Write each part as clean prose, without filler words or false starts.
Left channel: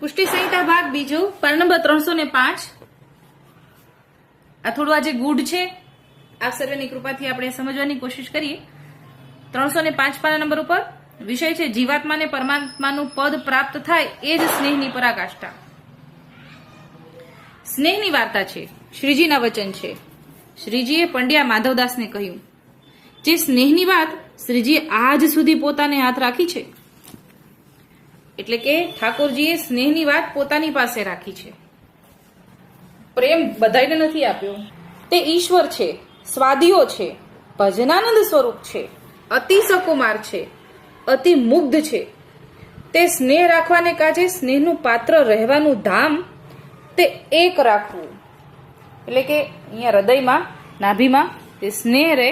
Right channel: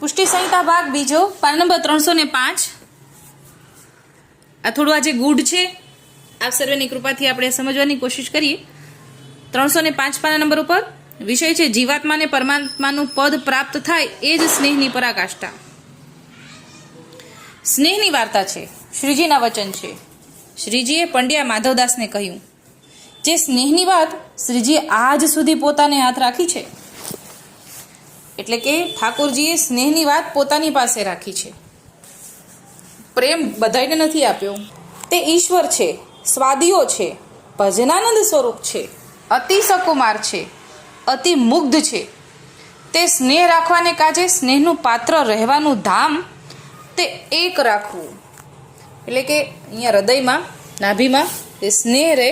પુષ્ટિ સંહિતા ભાગ બીજો પાના નંબર 305. આ થોડું આજે ગુડ છે, આપ સર્વેની કૃપાથી આપણે સમજવાની કોશિશ કરીએ. 305 પાના નંબર ઉપર વિષય છે જીવાત્માને પરમાત્માનું પદ પ્રાપ્ત થાય એ જ સ્નેહની પરાકાષ્ઠા. સ્નેહની વાર્તા છે, શ્રીજીના વચન છે. શ્રીજીએ પંડ્યા માધવદાસને કહ્યું, જે સ્નેહની વાત શ્રીજીએ આજ સુધી પોતાને હાથ રાખી છે, એટલે કે ઠાકોરજીએ સ્નેહની વાત પોતાની પાસે રાખી છે. પ્રેમ બધાને નથી આપ્યો. તે ઈશ્વર છે, સ્વાદીઓ છે, ભજનાનંદ સ્વરૂપ છે, અતિ સકુમાર છે, અતિ મુગ્ધ છે. તે સ્નેહ રાખવાને કાજે સ્નેહનું પાત્ર રહેવાનું ધામ તે એક રાખવું. એટલે કે અહીંયા હૃદયમાં, નાભીમાં તે સ્નેહ રહે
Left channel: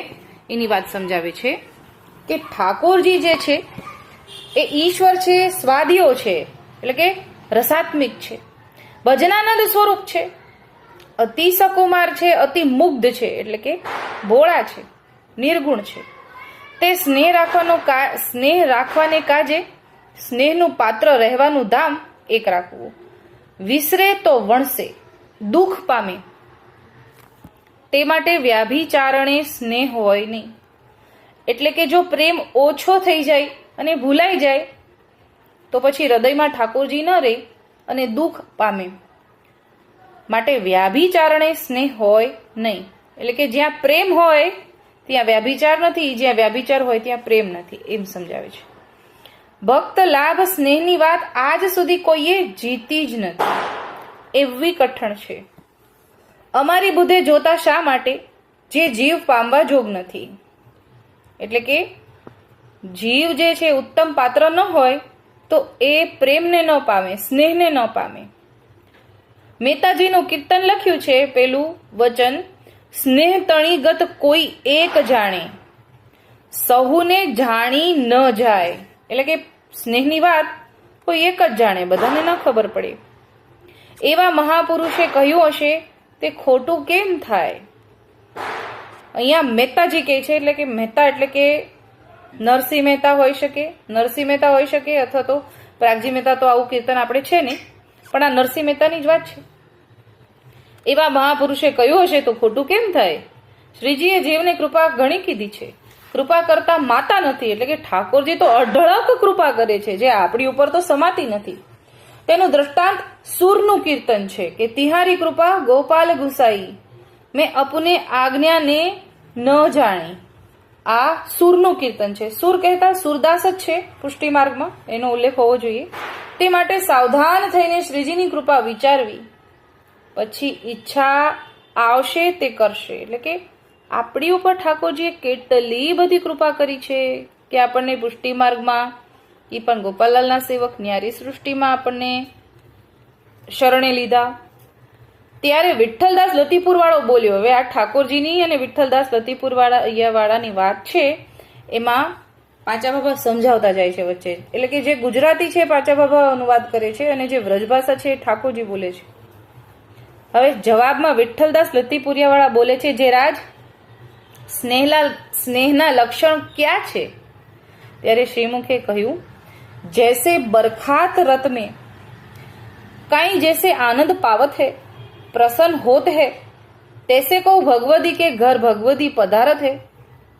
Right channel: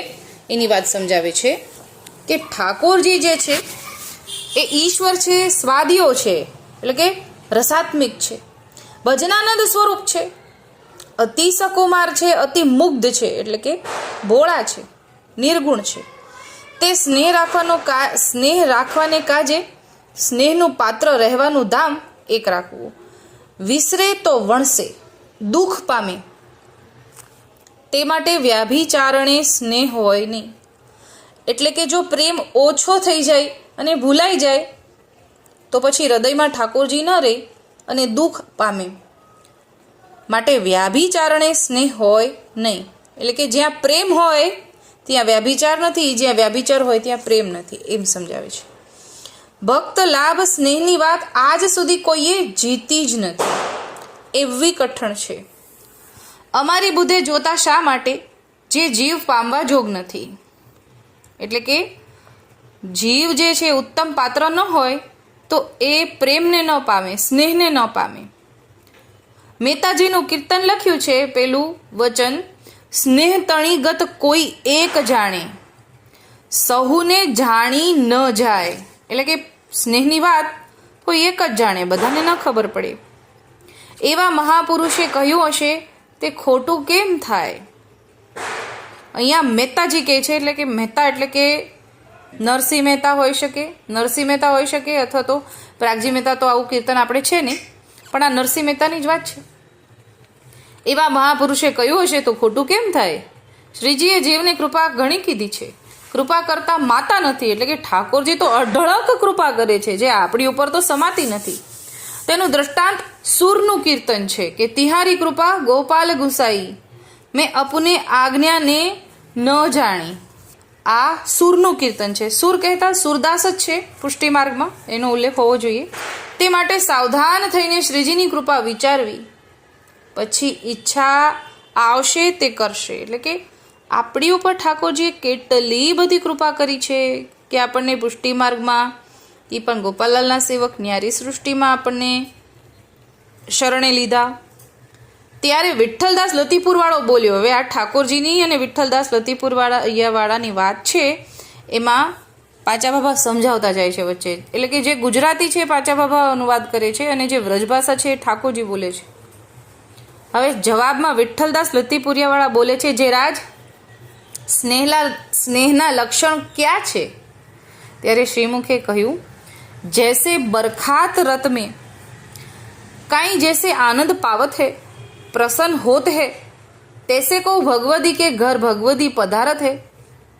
એની વાત સમજાવે છે કે ઠાકોરજી જે છે એ ઈશ્વર છે, સ્વાદીઓ છે, એટલે કે રસાત્મિક છે, ભજનાનંદ સ્વરૂપ છે, અતિ સકુમાર છે, અતિ મુગ્ધ છે, એટલે કે ભોળા છે, નિર્ગુણ છે. તે સ્નેહ રાખવાને કાજે સ્નેહનું પાત્ર રહેવાનું ધામ એક રાખવું. વિસરે તો વણસે, દુઃખ પામે, તે માટે વ્યાભિચારણે સ્નેહ હોય નહીં. એટલે કે જો પ્રેમ ઓછો થઈ જાય અને ભૂલાઈ જાય તો પછી હૃદયમાં ઠાકોરજી ન રહે અને દુઃખ પામે. માટે વ્યાભિચારણે સ્નેહ હોય નહીં. એટલે કે જ્યાં પ્રેમ હોય ત્યાં વ્યાભિચાર નથી, જ્યાં વ્યાભિચાર હોય ત્યાં પ્રેમ નથી, એમ સમજાવે છે. ભક્ત લાભ સ્નેહની વાત આજ સુધી કોઈએ જીતી જ નથી, એવી કઠણ છે. અમારી બુદ્ધે જોતા શા માટે જે જીવ પામવા જોગ નથી. એટલે કે જીવ જે છે ઉત્તમ પાત્ર ન હોય તો એ પ્રેમને ન પામે, સ્નેહને ન પામે. મહેતાજીનું કીર્તન લખ્યું છે, પેલું વચન, સ્નેહ તણીગત કોઈ એક જાણે, સહુને જાણી ન જાય. એટલે કે સ્નેહની વાત કોઈ એક જ જાણે, બધાને ન ખબર પડે. એવા મહાપુરુષે કહ્યું હશે તે ખોટું કેમ થાય. અહીંયા મહેતાજી કહે છે, એટલે કે મહેતા એટલે કે નરસિંહ મહેતા હોઈ શકે, નરસિંહ મહેતા હોઈ શકે, અથવા તો પ્રાગજી મહેતા. તો આવું કીર્તન આપણે છે નહીં, પણ આ નરસિંહ મહેતાની જ વાત છે. એવા મહાપુરુષે કહ્યું હશે તો ખોટું કેમ થાય. શ્રીજીએ જીવની કૃપા ઘણી કીધી છે, કૃપા કરતા માતા નથી. એટલે કે ઠાકોરજી તો અઢળક કૃપા કરે છે, જે આપણી ઉપર તો સમાતી નથી. તેનું દ્રષ્ટાંત સુરનું કીર્તન છે કે તિહારી કૃપા ગોપાલ ગુસાઈ, મેં અપને આજ્ઞાને ન જાણી. આ સુરનું કીર્તન છે. સુર કહેતા સુરદાસ જ છે પુષ્ટિ માર્ગમાં, એનો ઉલ્લેખ હોવો જોઈએ. તે માટે સાવધાન થઈને શ્રીજીની કૃપા વિચારવી, પછી ઈચ્છા આવશે તે કરશે. એટલે કે આપણી ઉપર ઠાકોરજીએ કેટલી બધી કૃપા કરી છે કે આપણને પુષ્ટિ માર્ગમાં, એ પણ ગોપાલાલના સેવક ન્યારી સૃષ્ટિમાં આપણને શરણે લીધા. ત્યારે વિઠ્ઠલદાસ લતીપુરવાળો બોલ્યો. હવે આ ઠાકોરજીની અને વિઠ્ઠલદાસ લતીપુરવાળાની વાત છે, એમાં પાંચા બાબા સમજાવતા જાય છે વચ્ચે. એટલે કે જે ગુજરાતી છે પાંચા બાબા અનુવાદ કરે છે અને જે વ્રજભાષા છે એ ઠાકોરજી બોલે છે. હવે જવાબમાં વિઠ્ઠલદાસ લતીપુરિયાવાળા બોલે છે, જે રાજ સ્નેહના લક્ષણ ક્યાં છે. ત્યારે શ્રીમુખે કહ્યું, જૈસે બરખાત રત में काई जैसे आनंद पावत है, प्रसन्न होत है, तैसे को भगवती के घर भगवती पधारत है,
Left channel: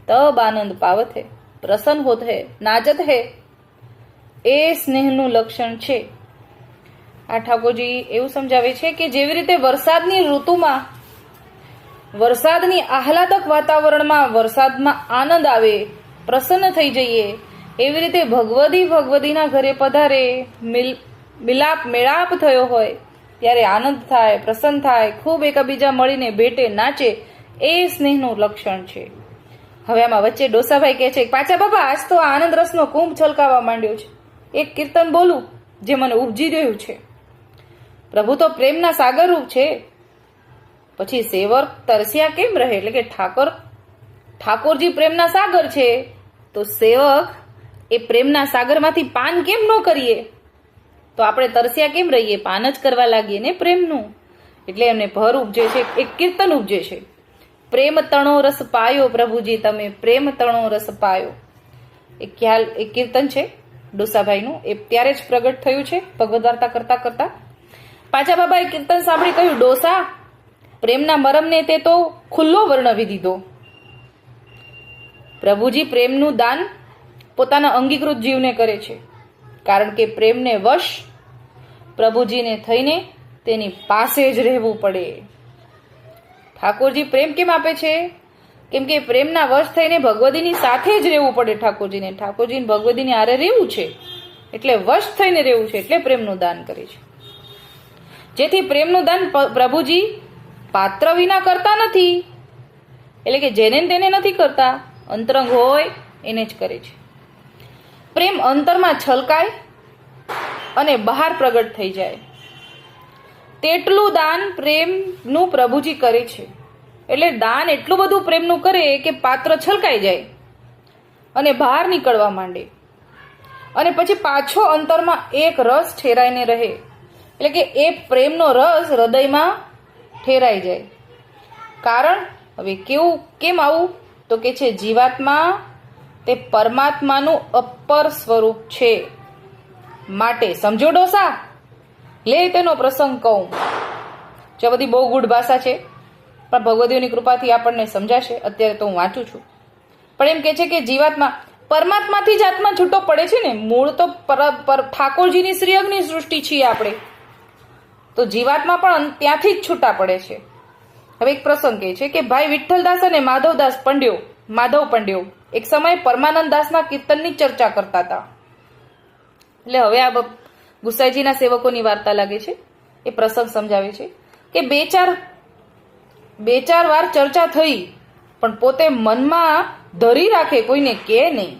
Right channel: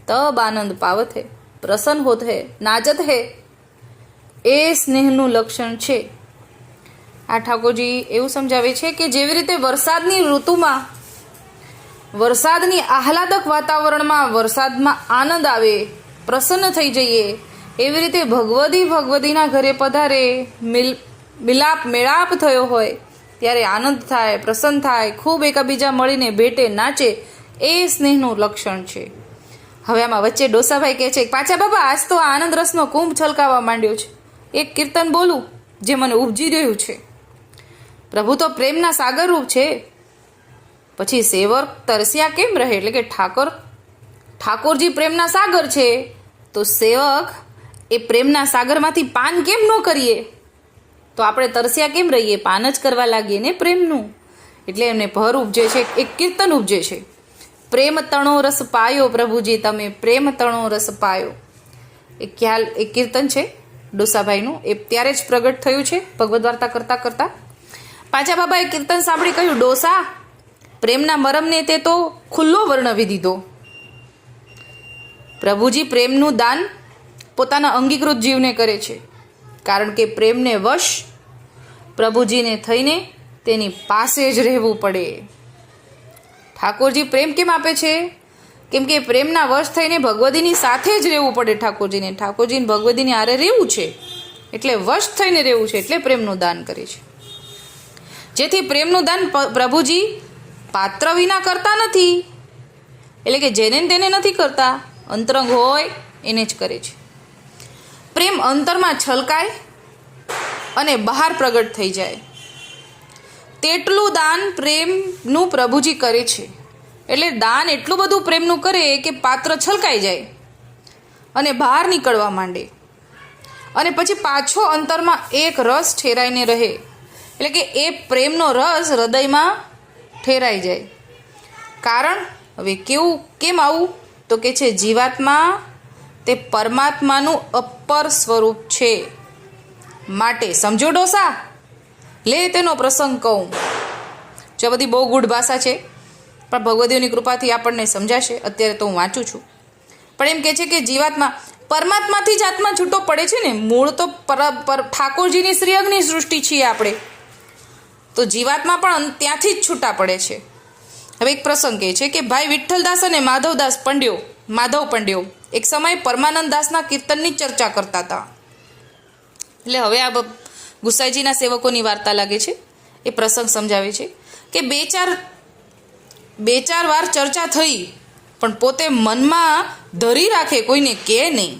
तब आनंद पावत है, प्रसन्न होत है, नाचत है. એ સ્નેહનું લક્ષણ છે. આ ઠાકોરજી એવું સમજાવે છે કે જેવી રીતે વરસાદની ઋતુમાં, વરસાદની આહલાદક વાતાવરણમાં વરસાદમાં આનંદ આવે, પ્રસન્ન થઈ જઈએ, એવી રીતે ભગવતીના ઘરે પધારે, મેળાપ થયો હોય ત્યારે આનંદ થાય, પ્રસન્ન થાય, ખૂબ એકબીજા મળીને ભેટે, નાચે, એ સ્નેહનું લક્ષણ છે. હવે આમાં વચ્ચે ડોસાભાઈ કહે છે, પાછા બાબા આજ તો આનંદ રસનો કુંભ છલકાવા માંડ્યો છે. એક કીર્તન બોલું જે મને ઉપજી રહ્યું છે. પ્રભુ તો પ્રેમના સાગર રૂપ છે, પછી સેવક તરસ્યા કેમ રહે. એટલે કે ઠાકોરજી પ્રેમના સાગર છે, તો સેવક એ પ્રેમના સાગરમાંથી પાન કેમ ન કરીએ. તો આપણે તરસ્યા કેમ રહીએ, પાન જ કરવા લાગીએ ને પ્રેમનું. એટલે એમને ભર ઉપજે છે, એક કીર્તન ઉપજે છે, પ્રેમ તણો રસ પાયો પ્રભુજી તમે, પ્રેમ તણો રસ પાયો. એક કીર્તન છે. ડોસાભાઈનું એ ત્યારે જ પ્રગટ થયું છે ભગવદ વાર્તા કરતા કરતા. પાછા બાબાએ કીર્તન સાંભળી કહ્યું, ડોસા, પ્રેમના મરમને તે તો ખુલ્લો વર્ણવી દીધો. પ્રભુજી પ્રેમનું દાન પોતાના અંગીકૃત જીવને કરે છે, કારણ કે પ્રેમને વશ પ્રભુજીને થઈને તેની પાસે જ રહેવું પડે. ઠાકોરજી પ્રેમ કેમ આપે છે? કેમ કે પ્રેમના વશ થઈને ભગવદીની સાથે જ રહેવું પડે ઠાકોરજીને. ઠાકોરજીને ભગવદીની આરે રહેવું છે, એટલે વશ થઈને રહેવું છે, એટલે પ્રેમનું દાન કરે છે. જેથી પ્રેમનું દાન પ્રભુજી પાત્ર વિના કરતા નથી, એટલે કે જેને તેને નથી કરતા, અંતરંગ હોય એને જ કરે છે. પ્રેમ અંતરમાં છલકાય અને બહાર પ્રગટ થઈ જાય તેટલું દાન પ્રેમનું પ્રભુજી કરે છે. એટલે દાન એટલું બધું પ્રેમનું કરે કે પાત્ર છલકાઈ જાય અને બહાર નીકળવા માંડે, અને પછી પાછો અંતરમાં એક રસ ઠેરાઈને રહે. એટલે કે એ પ્રેમનો રસ હૃદયમાં ઠેરાઈ જાય. કારણ હવે કેમ આવું? તો કે છે જીવાત્મા તે પરમાત્માનું અપર સ્વરૂપ છે. માટે સમજો ડોસા, લે તેનો પ્રસંગ કહું. જો બધી બહુ ગૂઢ ભાષા છે, પણ ભગવદીઓની કૃપાથી આપણને સમજાશે. અત્યારે તો હું વાંચું છું, પણ એમ કે છે કે જીવાત્મા પરમાત્માથી જ આત્મા છૂટો પડે છે ને. મૂળ તો ઠાકોરજીની શ્રીઅંગની સૃષ્ટિ છીએ આપણે, તો જીવાત્મા પણ ત્યાંથી જ છૂટા પડે છે. હવે એક પ્રસંગ કહે છે કે ભાઈ વિઠ્ઠલદાસ અને માધવ પંડ્યો એક સમયે પરમાનંદ દાસના કીર્તનની ચર્ચા કરતા હતા. એટલે હવે આ ગુસાઈજીના સેવકોની વાર્તા લાગે છે. એ પ્રસંગ સમજાવે છે કે બે ચાર વાર ચર્ચા થઈ, પણ પોતે મનમાં ધરી રાખે, કોઈને કહે નહીં.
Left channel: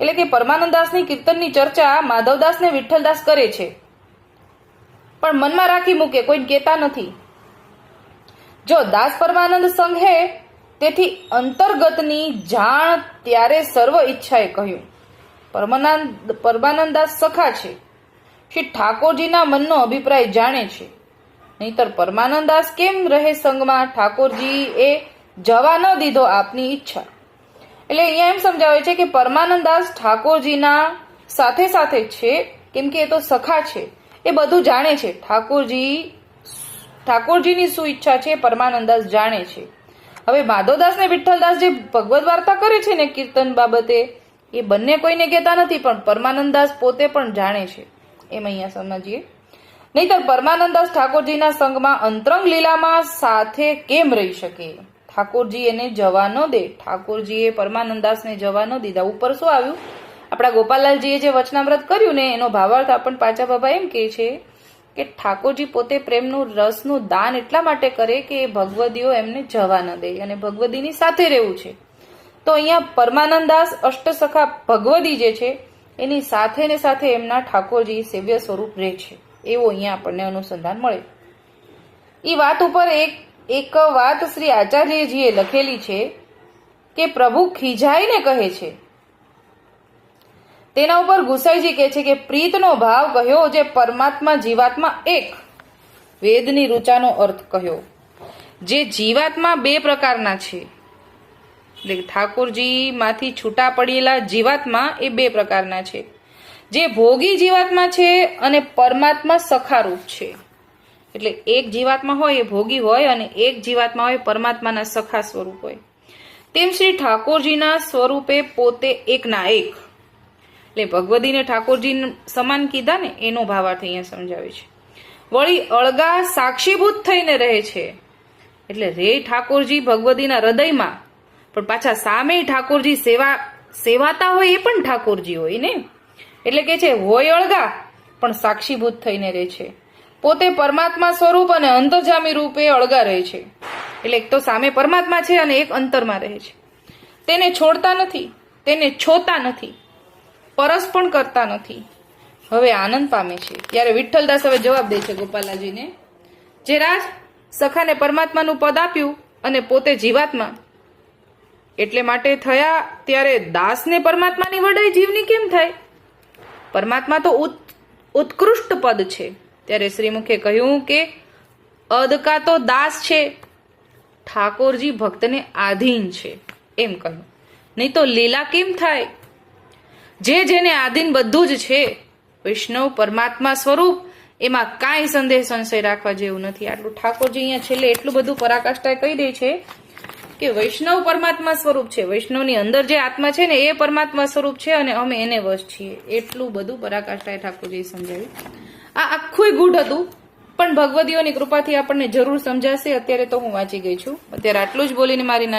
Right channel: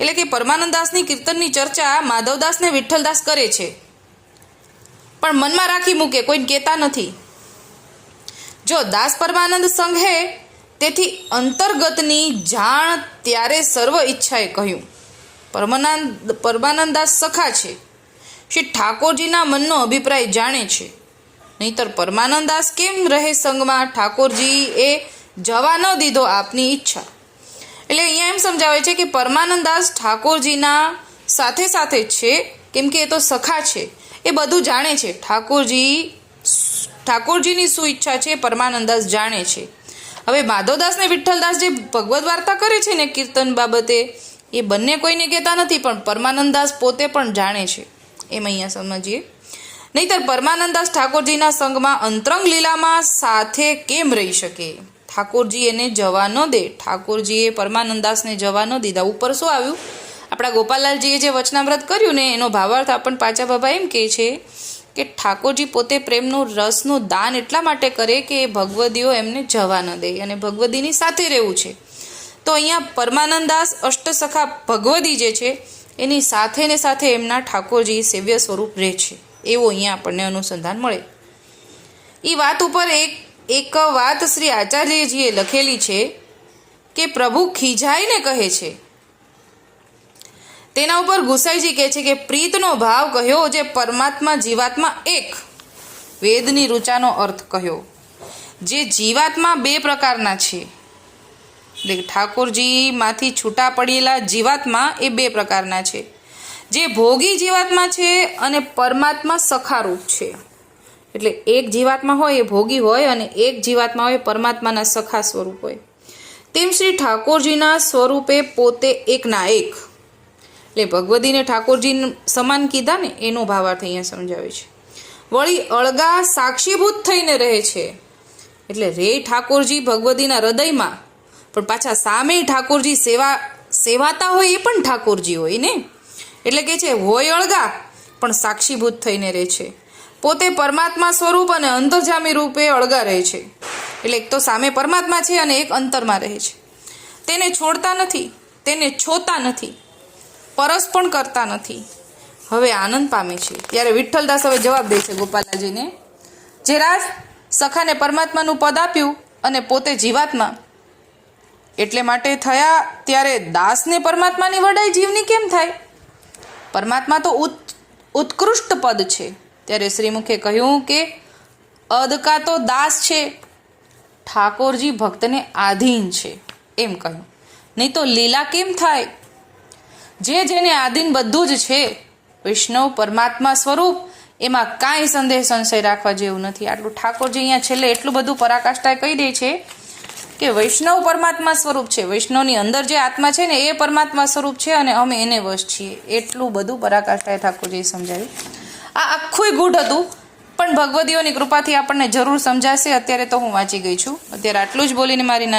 એટલે કે પરમાનંદદાસની કીર્તનની ચર્ચા માધવદાસ ને વિઠ્ઠલદાસ કરે છે, પણ મનમાં રાખી મૂકે, કોઈને કહેતા નથી. જો દાસ પરમાનંદ સંઘે તેથી અંતર્ગતની જાણ ત્યારે સર્વ ઈચ્છાએ કહ્યું. પરમાનંદદાસ સખા છે, શ્રી ઠાકોરજીના મનનો અભિપ્રાય જાણે છે. નહીતર પરમાનંદદાસ કેમ રહે સંગમાં? ઠાકોરજી એ જવા ન દીધો આપની ઈચ્છા. એટલે અહીંયા એમ સમજાવે છે કે પરમાનંદદાસ ઠાકોરજીના સાથે સાથે છે, કેમ કે એ તો સખા છે, એ બધું જાણે છે. ઠાકોરજીની શું ઈચ્છા છે પરમાનંદદાસ જાણે છે. હવે માધવદાસ ને વિઠ્ઠલદાસ જે ભગવદ વાર્તા કરે છે ને કીર્તન બાબતે, એ બંને કોઈને કહેતા નથી, પણ પરમાનંદદાસ પોતે પણ જાણે છે. એમ અહીંયા સમજીએ. નહીતર પરમાનંદદાસ ઠાકોરજીના સંગમાં અંતરંગ લીલામાં સાથે કેમ રહી શકે? ઠાકોરજી એને જવા ન દે. ઠાકોરજીએ પરમાનંદદાસને જવા ન દીધા. ઉપર શું આવ્યું? આપણા ગોપાલલાલજીએ જે વચનામૃત કર્યું ને, એનો ભાવાર્થ આપણને પાછા બાબા એમ કહે છે કે ઠાકોરજી પોતે પ્રેમનું રસનું દાન એટલા માટે કરે કે ભગવદીઓ એમને જવા ન દે અને ભગવદીની સાથે રહેવું છે. તો અહીંયા પરમાનંદદાસ અષ્ટસખા ભગવદી જે છે એની સાથે ને સાથે એમના ઠાકોરજી સેવ્ય સ્વરૂપ રહે છે, એવું અહીંયા આપણને અનુસંધાન મળે. એ વાત ઉપર એક વાત શ્રી આચાર્યજીએ લખેલી છે કે પ્રભુ ખીજાઈને કહે છે. તેના ઉપર ગુસાઈજી કહે છે કે પ્રીતનો ભાવ કહ્યો, જે પરમાત્મા જીવાત્મા એક. વેદની ઋચાનો અર્થ કહ્યો. જે જીવાત્મા બે પ્રકારના છે, એટલે ઠાકોરજીમાંથી છૂટા પડેલા જીવાત્મા એ બે પ્રકારના છે. જે ભોગી જીવાત્મા છે અને પરમાત્મા સખારૂપ છે. એટલે એક જીવાત્મા હોય એ ભોગી હોય અને એક જીવાત્મા હોય પરમાત્માના સખા સ્વરૂપ હોય. તેમ શ્રી ઠાકોરજીના સ્વરૂપે પોતે એકના એક. એટલે ભગવદીને ઠાકોરજી સમાન કીધા ને, એનો ભાવાર્થ અહીંયા સમજાવે છે. વળી અળગા સાક્ષીભૂત થઈને રહે છે. એટલે રે ઠાકોરજી ભગવદીના હૃદયમાં, પણ પાછા સામે ઠાકોરજી સેવાતા હોય એ પણ ઠાકોરજી હોય ને. એટલે કે છે હોય અળગા પણ સાક્ષીભૂત થઈને રહે છે. પોતે પરમાત્મા સ્વરૂપ અને અંતર્જામી રૂપે અળગા રહે છે. એટલે એક તો સામે પરમાત્મા છે અને એક અંતરમાં રહે છે. તેને છોડતા નથી, તેને છોતા નથી, પરસ પણ કરતા નથી. હવે આનંદ પામે છે. ત્યારે વિઠ્ઠલદાસ હવે જવાબ દે છે ગોપાલાજીને, જે રાજ સખાને પરમાત્માનું પદ આપ્યું અને પોતે જીવાત્મા એટલે માટે થયા, ત્યારે દાસને પરમાત્માની વડાઈ જીવની કેમ થાય? પરમાત્મા તો ઉત્કૃષ્ટ પદ છે. ત્યારે શ્રીમુખે કહ્યું કે અદકા તો દાસ છે, ઠાકોરજી ભક્તને આધીન છે, એમ કહ્યું. નહીં તો લીલા કેમ થાય? જેને આધીન બધું જ છે. વૈષ્ણવ પરમાત્મા સ્વરૂપ, એમાં કાંઈ સંશય રાખવા જેવું નથી. આટલું ઠાકોરજી અહીંયા છેલ્લે એટલું બધું પરાકાષ્ઠાએ કહી દે છે કે વૈષ્ણવ પરમાત્મા સ્વરૂપ છે. વૈષ્ણવની અંદર જે આત્મા છે ને એ પરમાત્મા સ્વરૂપ છે અને અમે એને વશ છીએ. એટલું બધું પરાકાષ્ઠાએ ઠાકોરજીએ સમજાવ્યું. આ આખું ગૂઢ હતું, પણ ભગવદીઓની કૃપાથી આપણને જરૂર સમજાશે. અત્યારે તો હું વાંચી ગઈ છું. અત્યારે આટલું જ બોલીને મારી નાની